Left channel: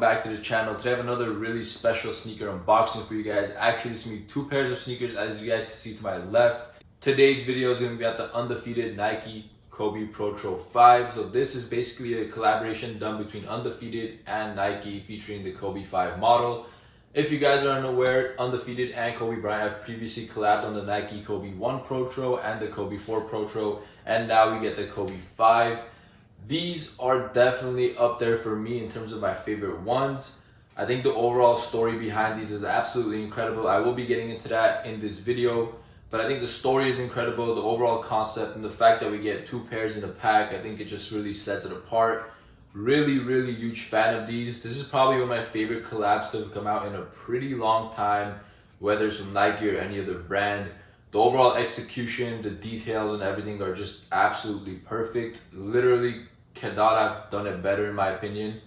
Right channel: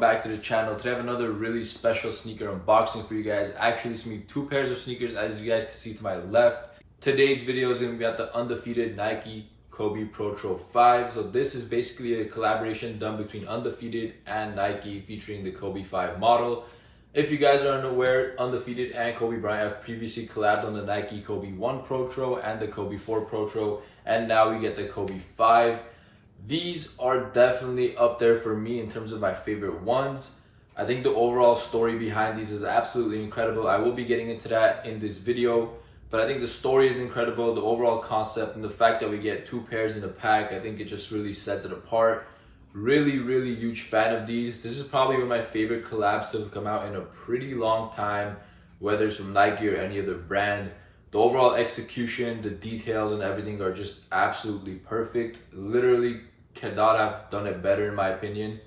welcome back to the channel. Today I have another really special sneaker unboxing for you guys. Actually, it's me two pairs of sneakers, as you guys can see to my left. Today's video is going to be at the Undefeated Nike Kobe Protro 5. So this is basically a collaboration done between Undefeated and Nike featuring the Kobe 5 model. If you guys are unaware, Undefeated and Kobe Bryant have previously collabed on the Nike Kobe 1 Protro and the Kobe 4 Protro, and now we get the Kobe 5. These are definitely up there for me in terms of my favorite ones. I think the overall story behind these is absolutely incredible. I will be getting into that in this video, but I think the story is incredible, the overall concept, and the fact that we get two pairs in a pack, I think it just really sets it apart. Really huge fan of these. This is probably one of my favorite collabs to have come out in a pretty long time, whether it's from Nike or any other brand. The overall execution, the details and everything are just absolutely perfect. Literally cannot have done it better in my opinion.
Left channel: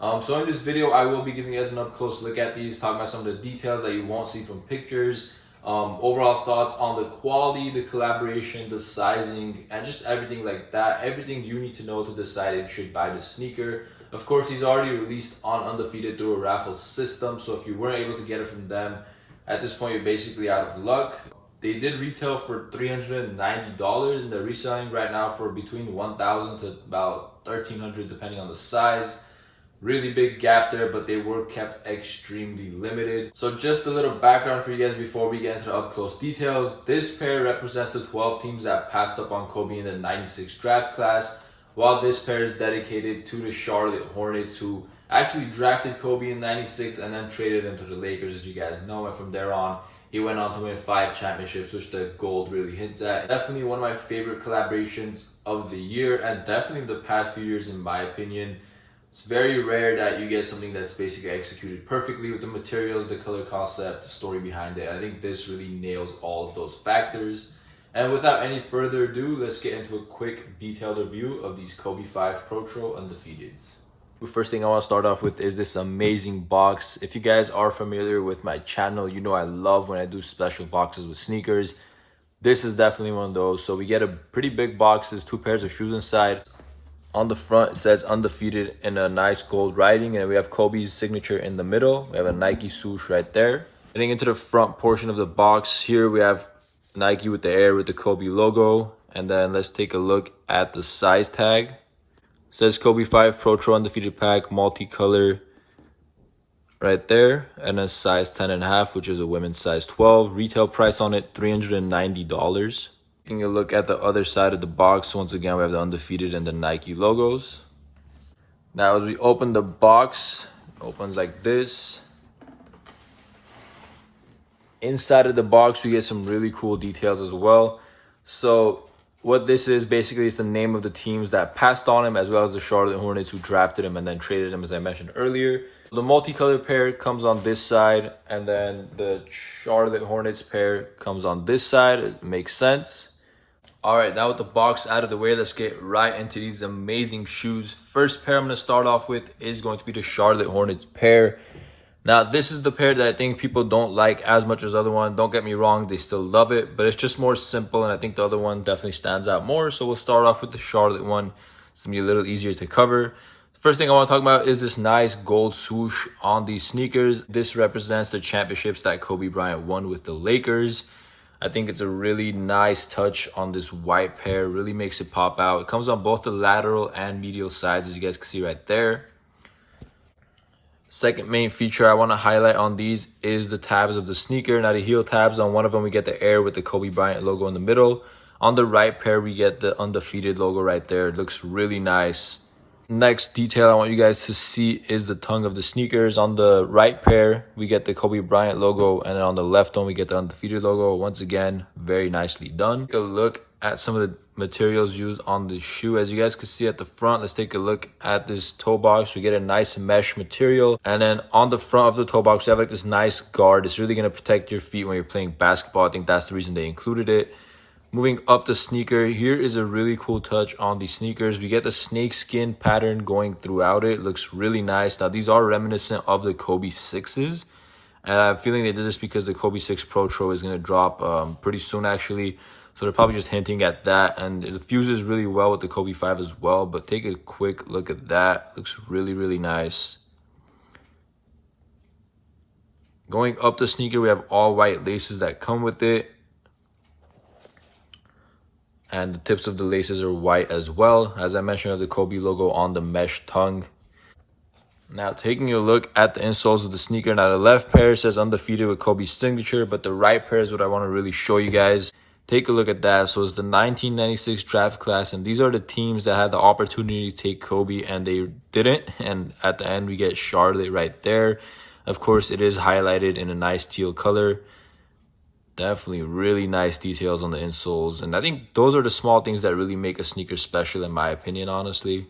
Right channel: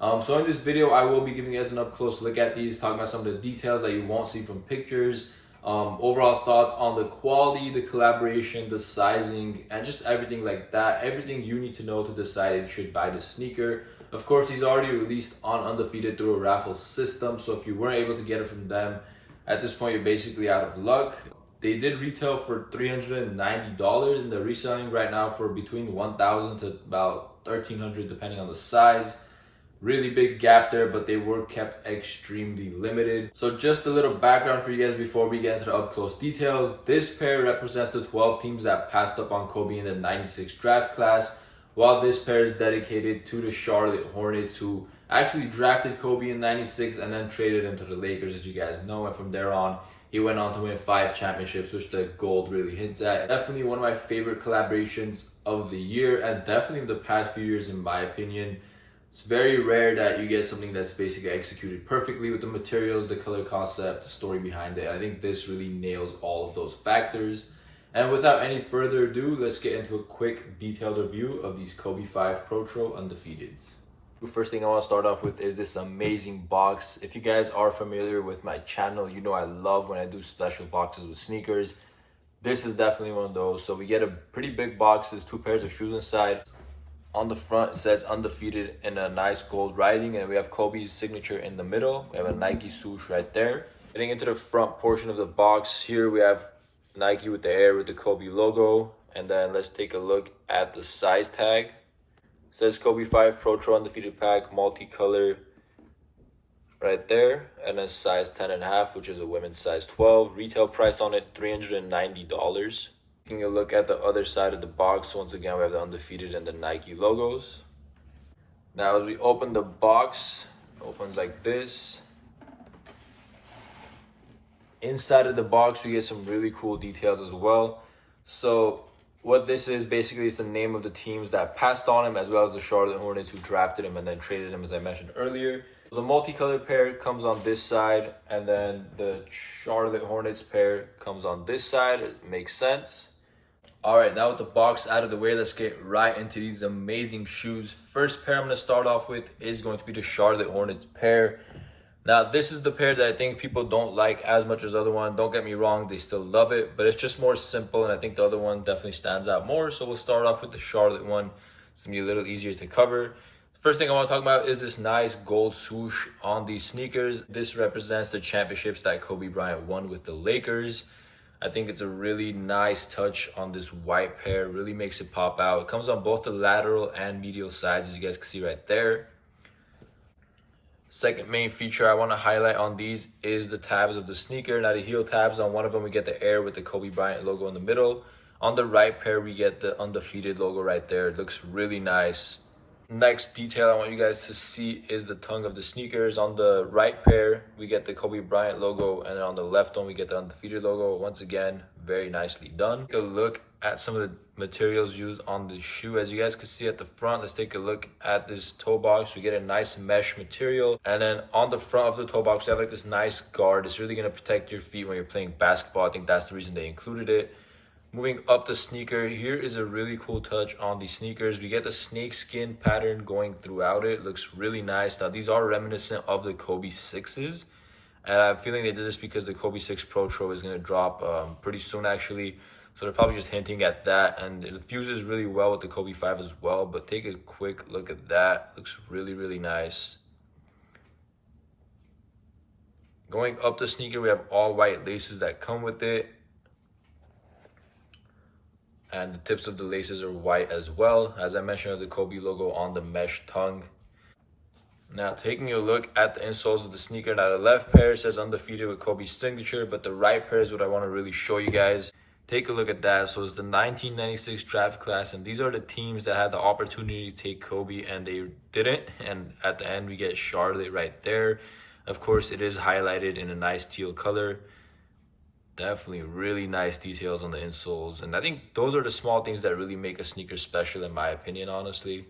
So in this video, I will be giving you guys an up close look at these, talking about some of the details that you won't see from pictures, overall thoughts on the quality, the collaboration, the sizing, and just everything like that. Everything you need to know to decide if you should buy the sneaker. Of course, these are already released on Undefeated through a raffle system, so if you weren't able to get it from them, at this point you're basically out of luck. They did retail for $390 and they're reselling right now for between $1,000 to about $1,300 depending on the size. Really big gap there, but they were kept extremely limited. So just a little background for you guys before we get into the up close details. This pair represents the 12 teams that passed up on Kobe in the 96 draft class, while this pair is dedicated to the Charlotte Hornets, who actually drafted Kobe in 96 and then traded him to the Lakers, as you guys know, and from there on he went on to win 5 championships, which the gold really hints at. Definitely one of my favorite collaborations of the year, and definitely the past few years in my opinion. It's very rare that you get something that's basically executed perfectly with the materials, the color concept, the story behind it. I think this really nails all of those factors. And without any further ado, let's get into a quick detailed review of these Kobe 5 Protro Undefeateds. The first thing I want to start off with is this amazing box. If you guys are familiar with my channel, you know I love when I do special boxes with sneakers. This is definitely one of those. So we get a pretty big box. There's 2 pairs of shoes inside. On the front, it says Undefeated in a nice gold writing, and we have Kobe's signature in the middle. We have a Nike swoosh right there. Getting into the front portion of the box, here we have Nike with the air with the Kobe logo. And then let's take a look at the size tag. It says Kobe 5 Protro Undefeated Pack, multicolor right there. And a size 10.5, which is a women's size 12. Retail price on it, $390. Taking a look at the other side of the box, once again, we have the Undefeated and the Nike logos. Now, as we open the box, it opens like this. Inside of the box, we get some really cool details as well. So what this is, basically, it's the name of the teams that passed on him, as well as the Charlotte Hornets who drafted him and then traded him, as I mentioned earlier. The multicolored pair comes on this side, and then the Charlotte Hornets pair comes on this side. It makes sense. All right, now with the box out of the way, let's get right into these amazing shoes. First pair I'm going to start off with is going to be the Charlotte Hornets pair. Now, this is the pair that I think people don't like as much as the other one. Don't get me wrong, they still love it, but it's just more simple, and I think the other one definitely stands out more. So we'll start off with the Charlotte one. It's going to be a little easier to cover. First thing I want to talk about is this nice gold swoosh on these sneakers. This represents the championships that Kobe Bryant won with the Lakers. I think it's a really nice touch on this white pair. Really makes it pop out. It comes on both the lateral and medial sides, as you guys can see right there. Second main feature I want to highlight on these is the tabs of the sneaker. Now, the heel tabs, on one of them we get the air with the Kobe Bryant logo in the middle. On the right pair, we get the Undefeated logo right there. It looks really nice. Next detail I want you guys to see is the tongue of the sneakers. On the right pair, we get the Kobe Bryant logo, and then on the left one, we get the Undefeated logo. Once again, very nicely done. Take a look at some of the materials used on the shoe. As you guys can see at the front, let's take a look at this toe box. We get a nice mesh material, and then on the front of the toe box, we have like this nice guard. It's really going to protect your feet when you're playing basketball. I think that's the reason they included it. Moving up the sneaker, here is a really cool touch on the sneakers. We get the snake skin pattern going throughout it. Looks really nice. Now, these are reminiscent of the Kobe 6s. And I have a feeling they did this because the Kobe 6 Protro is going to drop pretty soon, actually. So they're probably just hinting at that. And it fuses really well with the Kobe 5 as well. But take a quick look at that. Looks really nice. Going up the sneaker, we have all white laces that come with it. And the tips of the laces are white as well. As I mentioned, we have the Kobe logo on the mesh tongue. Now, taking a look at the insoles of the sneaker. Now, the left pair says Undefeated with Kobe's signature, but the right pair is what I want to really show you guys. Take a look at that. So it's the 1996 draft class, and these are the teams that had the opportunity to take Kobe, and they didn't. And at the end, we get Charlotte right there. Of course, it is highlighted in a nice teal color. Definitely really nice details on the insoles. And I think those are the small things that really make a sneaker special, in my opinion, honestly.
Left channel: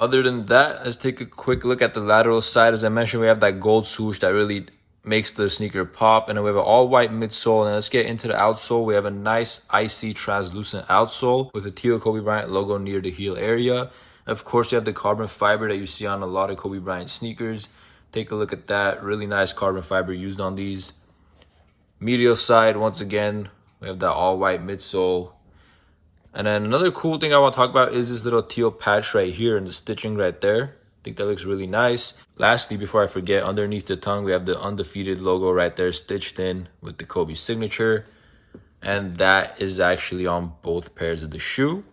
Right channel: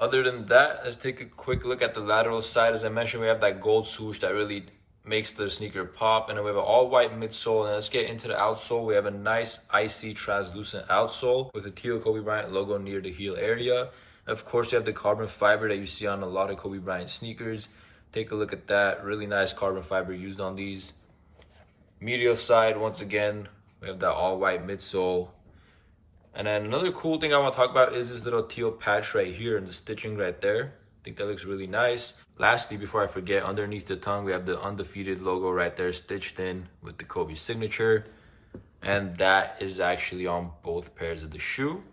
Other than that, let's take a quick look at the lateral side. As I mentioned, we have that gold swoosh that really makes the sneaker pop. And then we have an all-white midsole. And let's get into the outsole. We have a nice icy translucent outsole with a teal Kobe Bryant logo near the heel area. Of course, we have the carbon fiber that you see on a lot of Kobe Bryant sneakers. Take a look at that. Really nice carbon fiber used on these. Medial side, once again, we have that all-white midsole. And then another cool thing I want to talk about is this little teal patch right here and the stitching right there. I think that looks really nice. Lastly, before I forget, underneath the tongue, we have the Undefeated logo right there stitched in with the Kobe signature. And that is actually on both pairs of the shoe.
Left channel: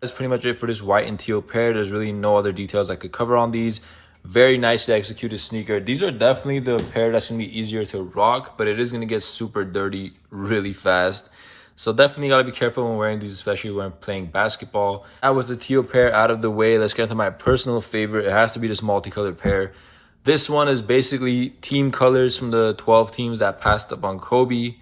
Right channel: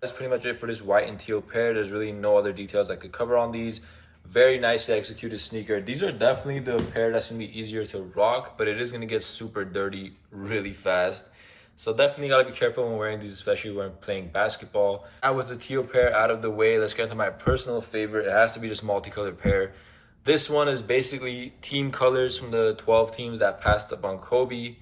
That's pretty much it for this white and teal pair. There's really no other details I could cover on these. Very nicely executed sneaker. These are definitely the pair that's going to be easier to rock, but it is going to get super dirty really fast. So definitely got to be careful when wearing these, especially when playing basketball. Now with the teal pair out of the way, let's get into my personal favorite. It has to be this multicolored pair. This one is basically team colors from the 12 teams that passed up on Kobe.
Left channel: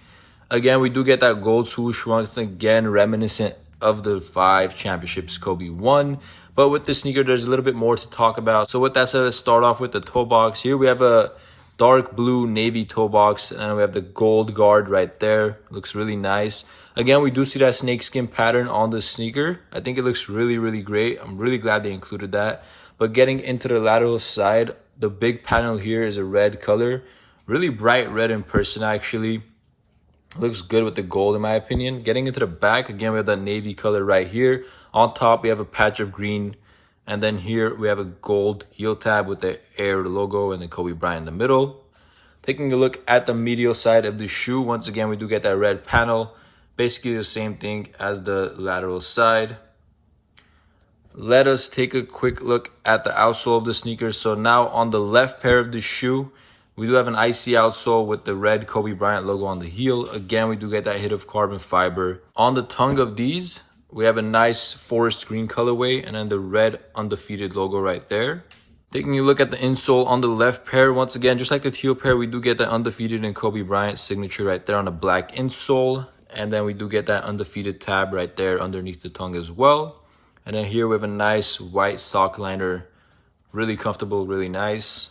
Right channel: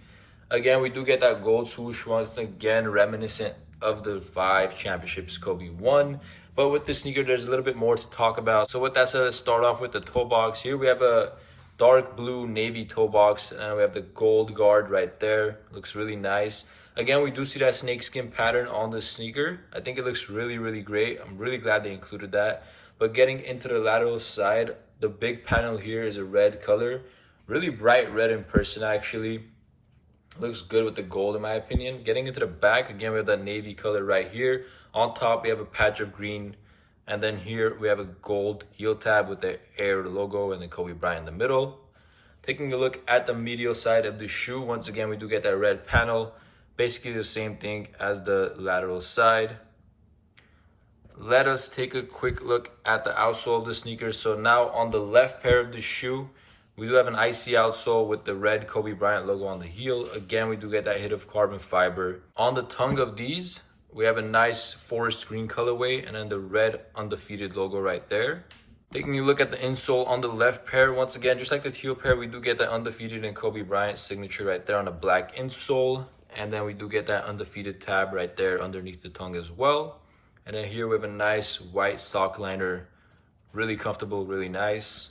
Again, we do get that gold swoosh once again, reminiscent of the 5 championships Kobe won. But with this sneaker, there's a little bit more to talk about. So with that said, let's start off with the toe box. Here we have a dark blue navy toe box, and we have the gold guard right there. Looks really nice. Again, we do see that snakeskin pattern on the sneaker. I think it looks really, really great. I'm really glad they included that. But getting into the lateral side, the big panel here is a red color. Really bright red in person, actually. Looks good with the gold, in my opinion. Getting into the back, again, we have that navy color right here. On top, we have a patch of green. And then here, we have a gold heel tab with the Air logo and the Kobe Bryant in the middle. Taking a look at the medial side of the shoe, once again, we do get that red panel. Basically the same thing as the lateral side. Let us take a quick look at the outsole of the sneaker. So now on the left pair of the shoe, we do have an icy outsole with the red Kobe Bryant logo on the heel. Again, we do get that hit of carbon fiber. On the tongue of these, we have a nice forest green colorway and then the red Undefeated logo right there. Taking a look at the insole on the left pair, once again, just like the teal pair, we do get the Undefeated and Kobe Bryant signature right there on the black insole. And then we do get that Undefeated tab right there underneath the tongue as well. And then here we have a nice white sock liner. Really comfortable, really nice.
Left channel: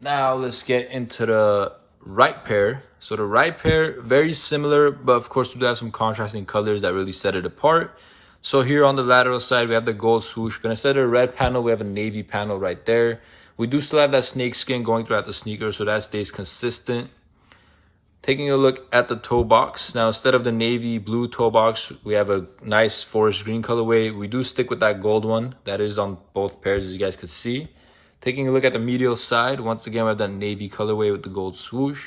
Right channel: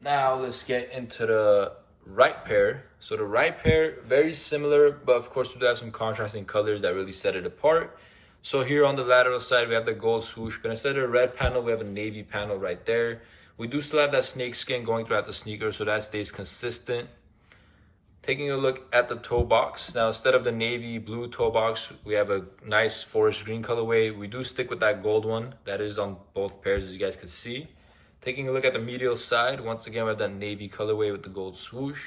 Now let's get into the right pair. So the right pair, very similar, but of course we do have some contrasting colors that really set it apart. So here on the lateral side, we have the gold swoosh, but instead of a red panel, we have a navy panel right there. We do still have that snake skin going throughout the sneaker, so that stays consistent. Taking a look at the toe box. Now, instead of the navy blue toe box, we have a nice forest green colorway. We do stick with that gold one. That is on both pairs, as you guys can see. Taking a look at the medial side, once again, we have that navy colorway with the gold swoosh.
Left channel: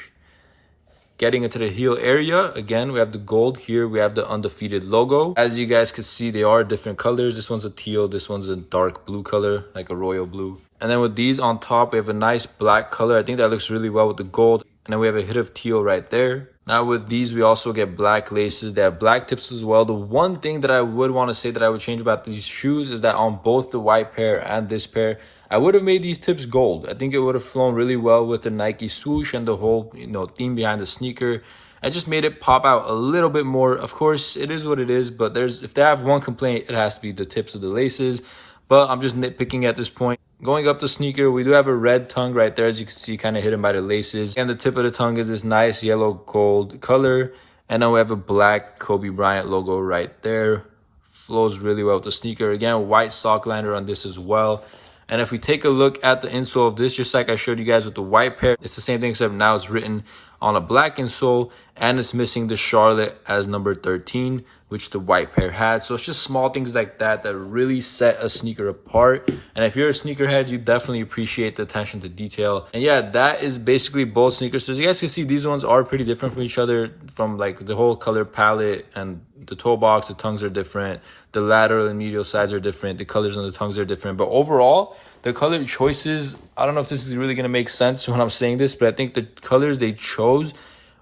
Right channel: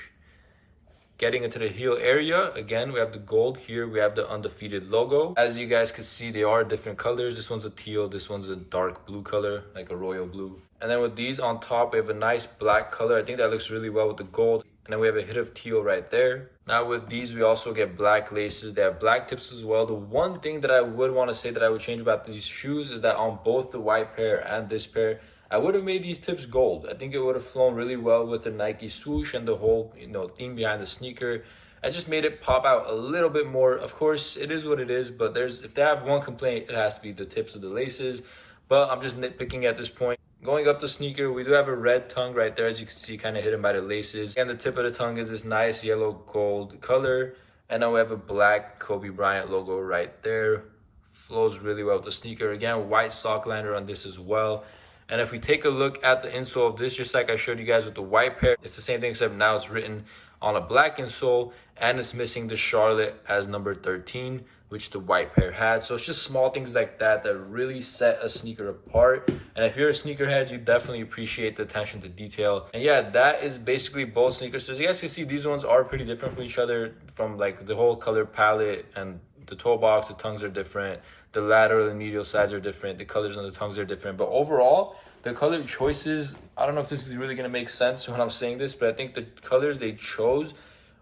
Getting into the heel area, again, we have the gold. Here we have the Undefeated logo. As you guys can see, they are different colors. This one's a teal, this one's a dark blue color, like a royal blue. And then with these on top, we have a nice black color. I think that looks really well with the gold. And then we have a hit of teal right there. Now with these, we also get black laces. They have black tips as well. The one thing that I would want to say that I would change about these shoes is that on both the white pair and this pair, I would have made these tips gold. I think it would have flown really well with the Nike swoosh and the whole, theme behind the sneaker. I just made it pop out a little bit more. Of course, it is what it is, but if they have one complaint, it has to be the tips of the laces. But I'm just nitpicking at this point. Going up the sneaker, we do have a red tongue right there, as you can see, kind of hidden by the laces. And the tip of the tongue is this nice yellow gold color. And then we have a black Kobe Bryant logo right there. Flows really well with the sneaker. Again, white sock liner on this as well. And if we take a look at the insole of this, just like I showed you guys with the white pair, it's the same thing except now it's written on a black insole and it's missing the Charlotte as number 13, which the white pair had. So it's just small things like that that really set a sneaker apart. And if you're a sneakerhead, you definitely appreciate the attention to detail. And yeah, that is basically both sneakers. So as you guys can see, these ones are pretty different from each other, from like the whole color palette, and the toe box, the tongues are different. The lateral and medial sides are different. The colors on the tongues are different. But overall, the color choices, I don't know if this is really going to make sense when I'm saying this, but I think the colors they chose,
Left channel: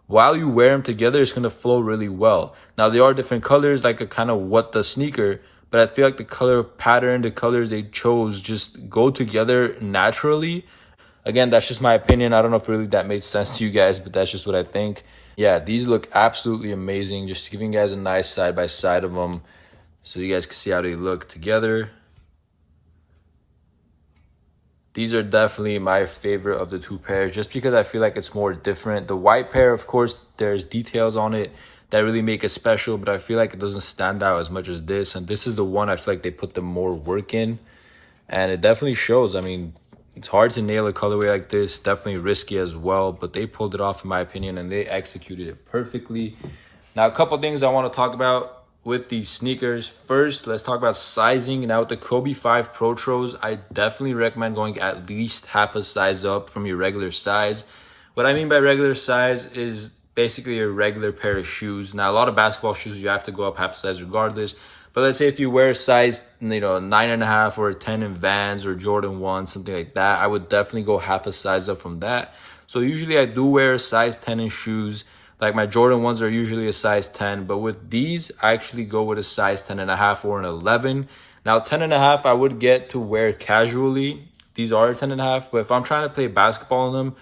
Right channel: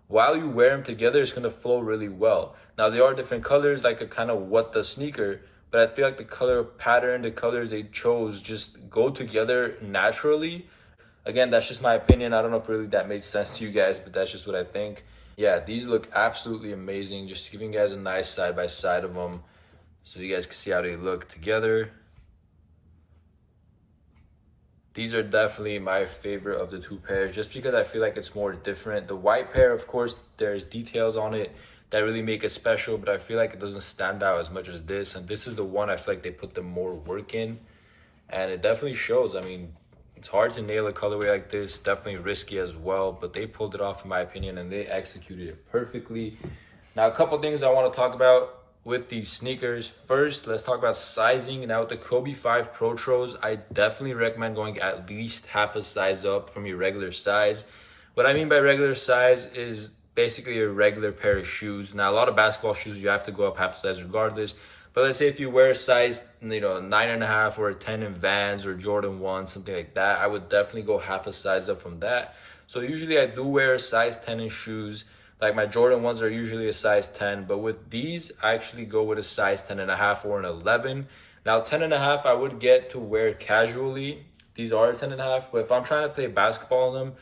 while you wear them together, it's going to flow really well. Now, there are different colors, like a kind of what the sneaker, but I feel like the color pattern, the colors they chose just go together naturally. Again, that's just my opinion. I don't know if really that made sense to you guys, but that's just what I think. Yeah, these look absolutely amazing. Just giving you guys a nice side-by-side of them so you guys can see how they look together. These are definitely my favorite of the two pairs, just because I feel like it's more different. The white pair, of course, there's details on it that really make it special, but I feel like it doesn't stand out as much as this. And this is the one I feel like they put the more work in, and it definitely shows. I mean, it's hard to nail a colorway like this, definitely risky as well, but they pulled it off in my opinion, and they executed it perfectly. Now, a couple things I want to talk about with these sneakers. First, let's talk about sizing. Now with the Kobe 5 Protros, I definitely recommend going at least half a size up from your regular size. What I mean by regular size is basically a regular pair of shoes. Now, a lot of basketball shoes, you have to go up half a size regardless. But let's say if you wear a size, 9.5 or a 10 in Vans or Jordan 1, something like that, I would definitely go half a size up from that. So usually I do wear a size 10 in shoes. Like my Jordan 1s are usually a size 10, but with these, I actually go with a size 10.5 or an 11. Now, 10.5, I would get to wear casually. These are 10.5, but if I'm trying to play basketball in them,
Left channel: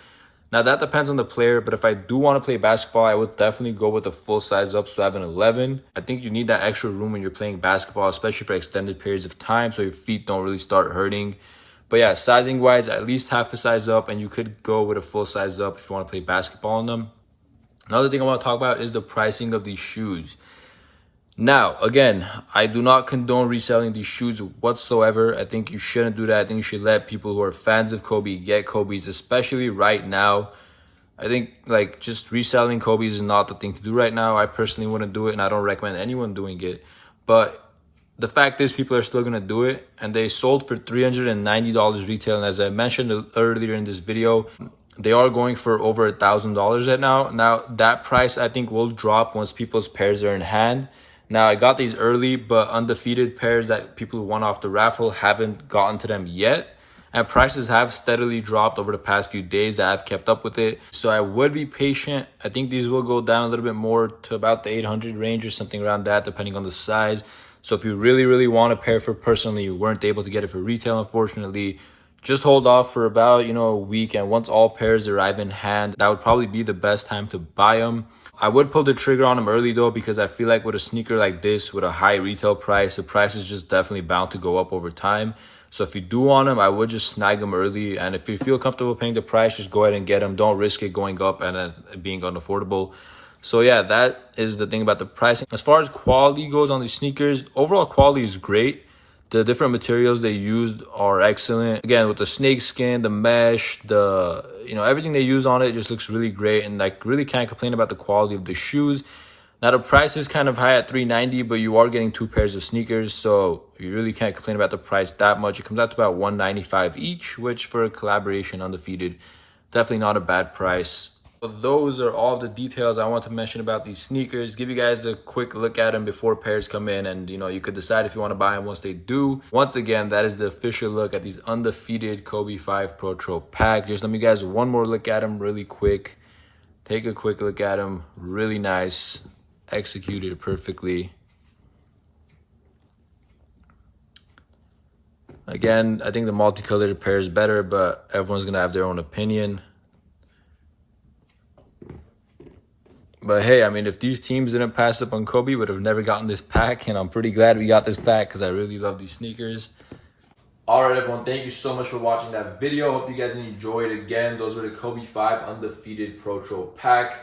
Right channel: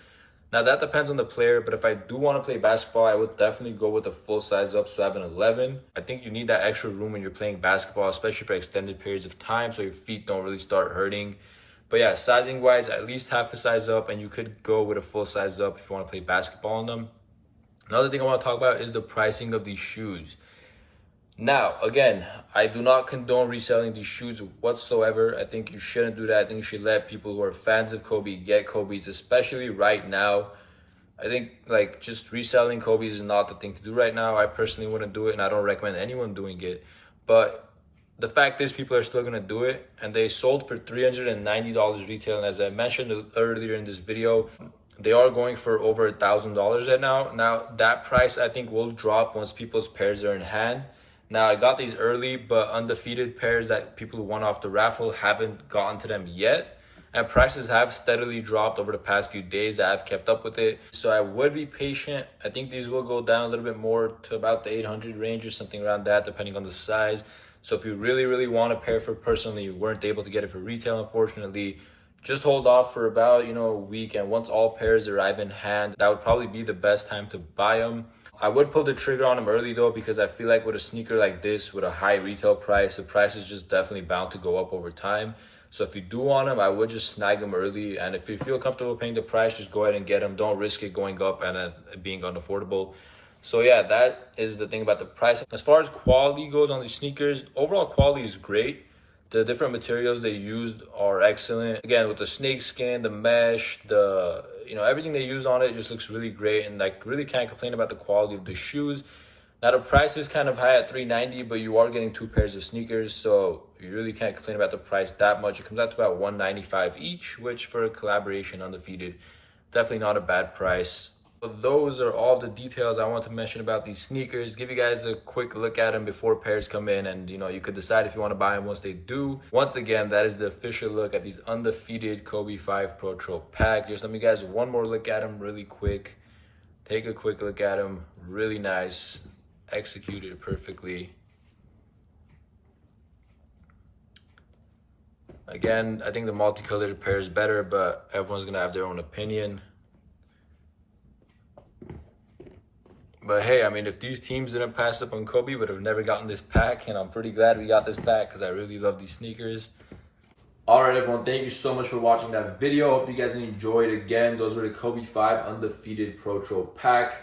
now that depends on the player, but if I do want to play basketball, I would definitely go with a full size up, so I have an 11. I think you need that extra room when you're playing basketball, especially for extended periods of time, so your feet don't really start hurting. But yeah, sizing wise, at least half a size up, and you could go with a full size up if you want to play basketball in them. Another thing I want to talk about is the pricing of these shoes. Now, again, I do not condone reselling these shoes whatsoever. I think you shouldn't do that. I think you should let people who are fans of Kobe get Kobe's, especially right now. I think like just reselling Kobe's is not the thing to do right now. I personally wouldn't do it, and I don't recommend anyone doing it. But the fact is, people are still going to do it, and they sold for $390 retail. And as I mentioned earlier in this video, they are going for over $1,000 right now. Now, that price I think will drop once people's pairs are in hand. Now, I got these early, but undefeated pairs that people who won off the raffle haven't gotten to them yet. And prices have steadily dropped over the past few days. I've kept up with it. So I would be patient. I think these will go down a little bit more to about the 800 range or something around that, depending on the size. So if you really, really want a pair for personally, you weren't able to get it for retail, unfortunately, just hold off for about, a week. And once all pairs arrive in hand, that would probably be the best time to buy them. I would pull the trigger on them early though, because I feel like with a sneaker like this, with a high retail price, the price is just definitely bound to go up over time. So if you do want them, I would just snag them early. And if you feel comfortable paying the price, just go ahead and get them. Don't risk it going up and being unaffordable. So yeah, that is the thing about the pricing. As far as quality goes on these sneakers, overall quality is great. The different materials they used are excellent. Again, with the snake skin, the mesh, everything they used on it just looks really great, and like really can't complain about the quality of the shoes. Now the price is kind of high at $390, but you are getting two pairs of sneakers, so you really can't complain about the price that much. It comes out to about $195 each, which for a collaboration undefeated, definitely not a bad price. But those are all the details I want to mention about these sneakers. Give you guys a quick look at them before pairs come in, and you could decide if you want to buy them once they do. Once again, that is the official look at these undefeated Kobe 5 Protro Pack. Just let me guys one more look at them really quick. Take a quick look at them. Really nice. Executed perfectly. Again, I think the multicolored pair is better, but everyone's gonna have their own opinion. But hey, I mean, if these teams didn't pass up on Kobe, would have never gotten this pack, and I'm pretty glad we got this pack because I really love these sneakers. All right, everyone, thank you so much for watching that video. Hope you guys enjoyed. Again, those were the Kobe 5 Undefeated Protro Pack.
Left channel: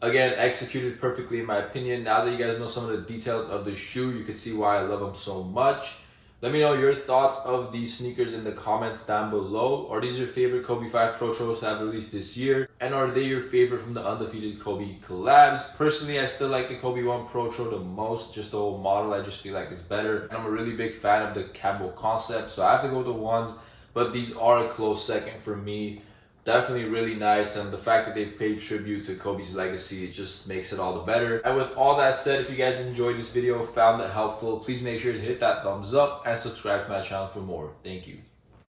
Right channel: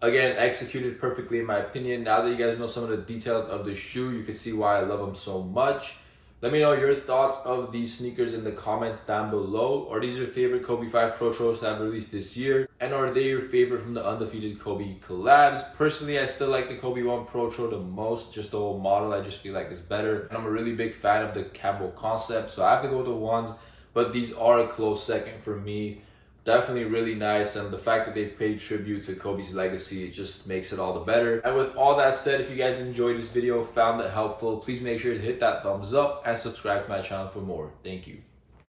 Again, executed perfectly in my opinion. Now that you guys know some of the details of the shoe, you can see why I love them so much. Let me know your thoughts of these sneakers in the comments down below. Are these your favorite Kobe 5 Protros to have released this year? And are they your favorite from the Undefeated Kobe collabs? Personally, I still like the Kobe 1 Protro the most. Just the whole model, I just feel like is better. And I'm a really big fan of the Campbell concept, so I have to go with the ones. But these are a close second for me. Definitely really nice, and the fact that they paid tribute to Kobe's legacy, it just makes it all the better. And with all that said, if you guys enjoyed this video, found it helpful, please make sure to hit that thumbs up and subscribe to my channel for more. Thank you.